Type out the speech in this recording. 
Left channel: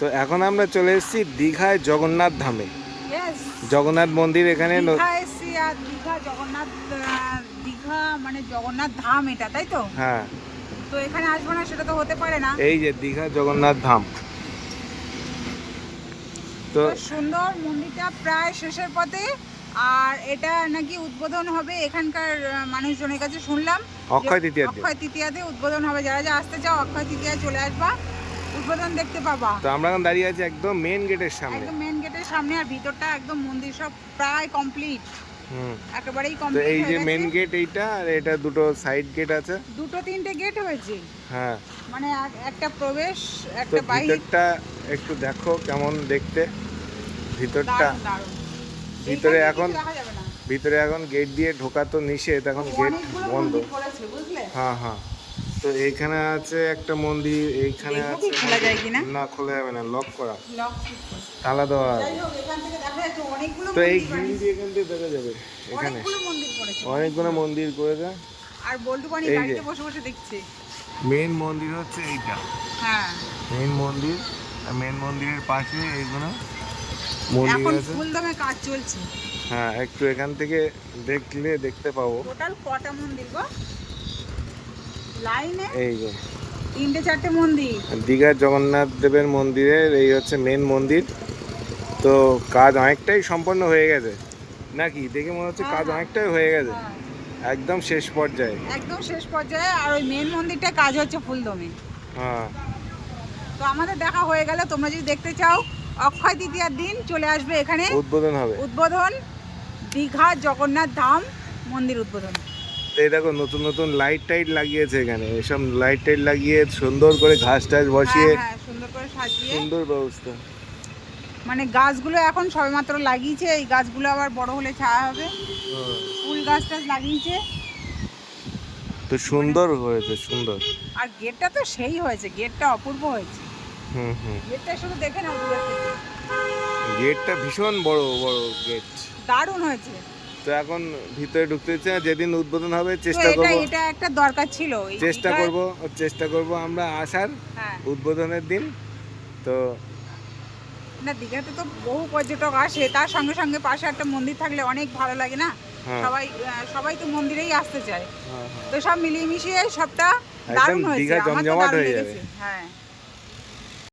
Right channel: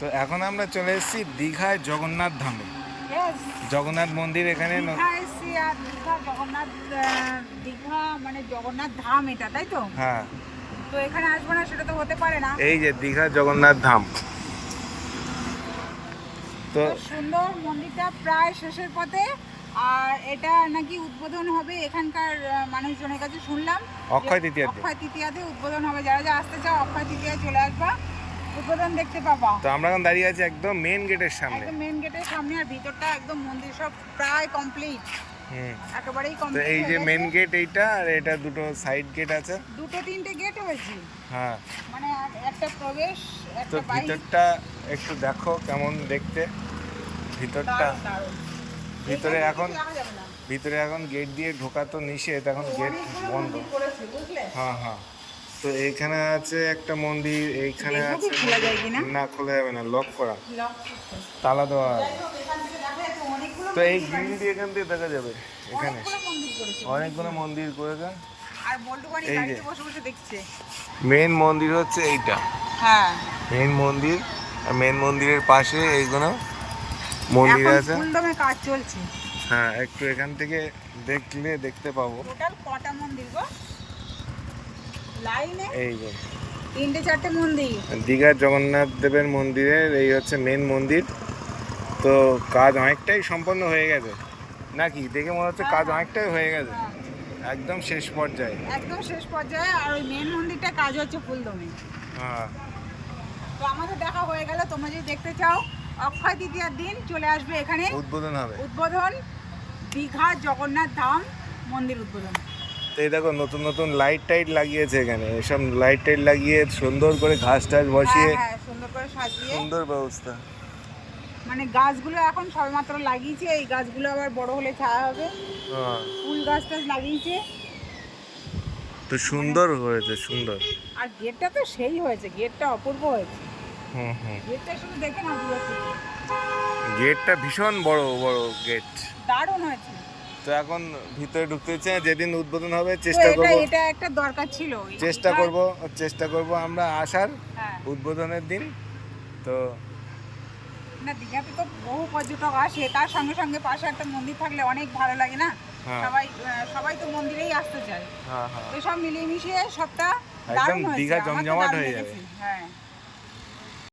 তো এখন আমরা চলে এসেছি দীঘায় জগন্নাথ ধামে। জগন্নাথ মন্দির এখানে দীঘা জগন্নাথ দীঘা মানে জগন্নাথ ধাম এটা, তাই তো? হ্যাঁ, তো এখানে আসবো না সেটা তো হতে পারে না। এই যে দীঘা জগন্নাথ ধাম। তো সুন্দর মন্দিরটা প্রায় শেষের পথে, আর এটা নাকি উদ্বোধন হবে এখানকার মানুষজনের কাছে শুনলাম। অক্ষয় তৃতীয়াতে উদ্বোধন হবে। যারা যা আসতে চাও অক্ষয় তৃতীয়ায় চলে আসবা, উদ্বোধন দেখতে পাবা। তো আমরা এখন দাঁড়িয়ে আছি একদম মেন গেটের সামনে। একদম মেন গেটের সামনে, আর ভিতরটা একদম মন্দির সব প্রায় কমপ্লিট, একেবারেই তো কমপ্লিট। এই যে মেন গেট এইটা, আর এটা দুটো সাইড গেট আছে, দুটো তিনটে গেট হয়েছে। হ্যাঁ, মানে একটা প্রবেশ তো একটা বাইরে। ভিতরটা একটু দেখো কেমন দেখতে ভিতরটা। দারুণ। ভিতরে এখানে এখন কিছু দেখা যাবে না। ভিতরে এখন গেট দিয়ে ঢোকা তো নিষেধ, এখন গেট অনেকগুলো বন্ধ। মন্দির করেছে, বুঝলে? হ্যাঁ হ্যাঁ, তো এইখানে আছে একটা মন্দির, এইখানে দেখবো আছে কি খোলা যায় কিনা। না, খোলা যাবে না, লক করা, লক। তালা দেওয়া আছে। যাই হোক, এখান থেকে দেখা যাচ্ছে অনেকগুলো তো এই মন্দির গ্রিল দিয়ে এখান থেকে দেখা যাবে। এখানে অনেকগুলো মন্দির করেছে। অনেকগুলো মন্দির করে দাও। আর বল্টু বানি এই যে বাড়িতে বসে বসে দেখছে। মেন মন্দির হচ্ছে এইটা, হ্যাঁ, মেন মন্দির। মেন মন্দিরের পাশে এইগুলো মন্দির এখন আছে। ফুলদমে কাজ চলছে। হ্যাঁ, একটু এখান থেকে দেখলে দেখতে পাবো। টোটাল কটা মন্দির গো লাইনে? এই যে তিনটে চারটে মন্দির। দীঘার জগন্নাথ দেবের মন্দিরের এই হচ্ছে মেন মন্দির। তো কাজ অনেকটাই সম্পন্ন হয়ে গেছে নাকি, দেখে মনে হচ্ছে কাজ অনেকটাই হয়ে গেছে, একদম শেষ পর্যায়ে। একদম শেষ পর্যায়ে। আর ওই মেন মন্দিরটা কাজ হচ্ছে ফুলদমে। হ্যাঁ, তো আমাদের দেখা হয়ে গেল। তোমরা যদি দেখতে চাও অক্ষয় তৃতীয়ার দিন চলে আসবে এখানে, উদ্বোধন হবে। উদ্বোধন দীঘা জগন্নাথ ধাম মন্দির উদ্বোধন। তো এই দেখো নতুন নতুন লাইট টাইট লাগিয়েছে এখানে, এসব লাইট টাইট লাগিয়ে সুন্দর করে ঘাস টাস বসিয়ে, হ্যাঁ, সুন্দর করে সাজিয়ে সুন্দর ব্যবস্থা। মানে গাছগুলো এখন সবেমাত্র লাগিয়েছে। এই গাছগুলো আবার বড় হলে ছায়া হবে। হ্যাঁ, ফুল গাছ টাছ লাগিয়েছে। তো সুন্দর হয়েছে, সুন্দর। আর গেটটা তো সেই হয়েছে, গেটটা অপূর্ব হয়েছে। হুম হুম, গেটটা শুধু দেখে নাও দূর থেকে। গেটটা ভীষণ বড় বড় গেট, দারুণ হয়েছে। তো এখন ভিতরে ঢুকতে হচ্ছে না। যেদিন উদ্বোধন হবে তো চেষ্টা করব, এটা একটা দরকার ছিল। চেষ্টা করব আমরা আসার হ্যাঁ, উদ্বোধনের দিন। তো না দীঘাতে তো বহু পর্যটক আসে, তার সঙ্গে সঙ্গে পাশে একটা মন্দির থাকলে অনেক ভালো লাগে না? হ্যাঁ, সবাই তো মন্দিরেই আসতে চায়। হ্যাঁ হ্যাঁ, তো সব মিলিয়ে মিশিয়ে সবটা একদম দারুণ হয়েছে। দীঘা আমার তো জমজমাট দারুণ হয়ে যাবে। লেগেছে। হ্যাঁ।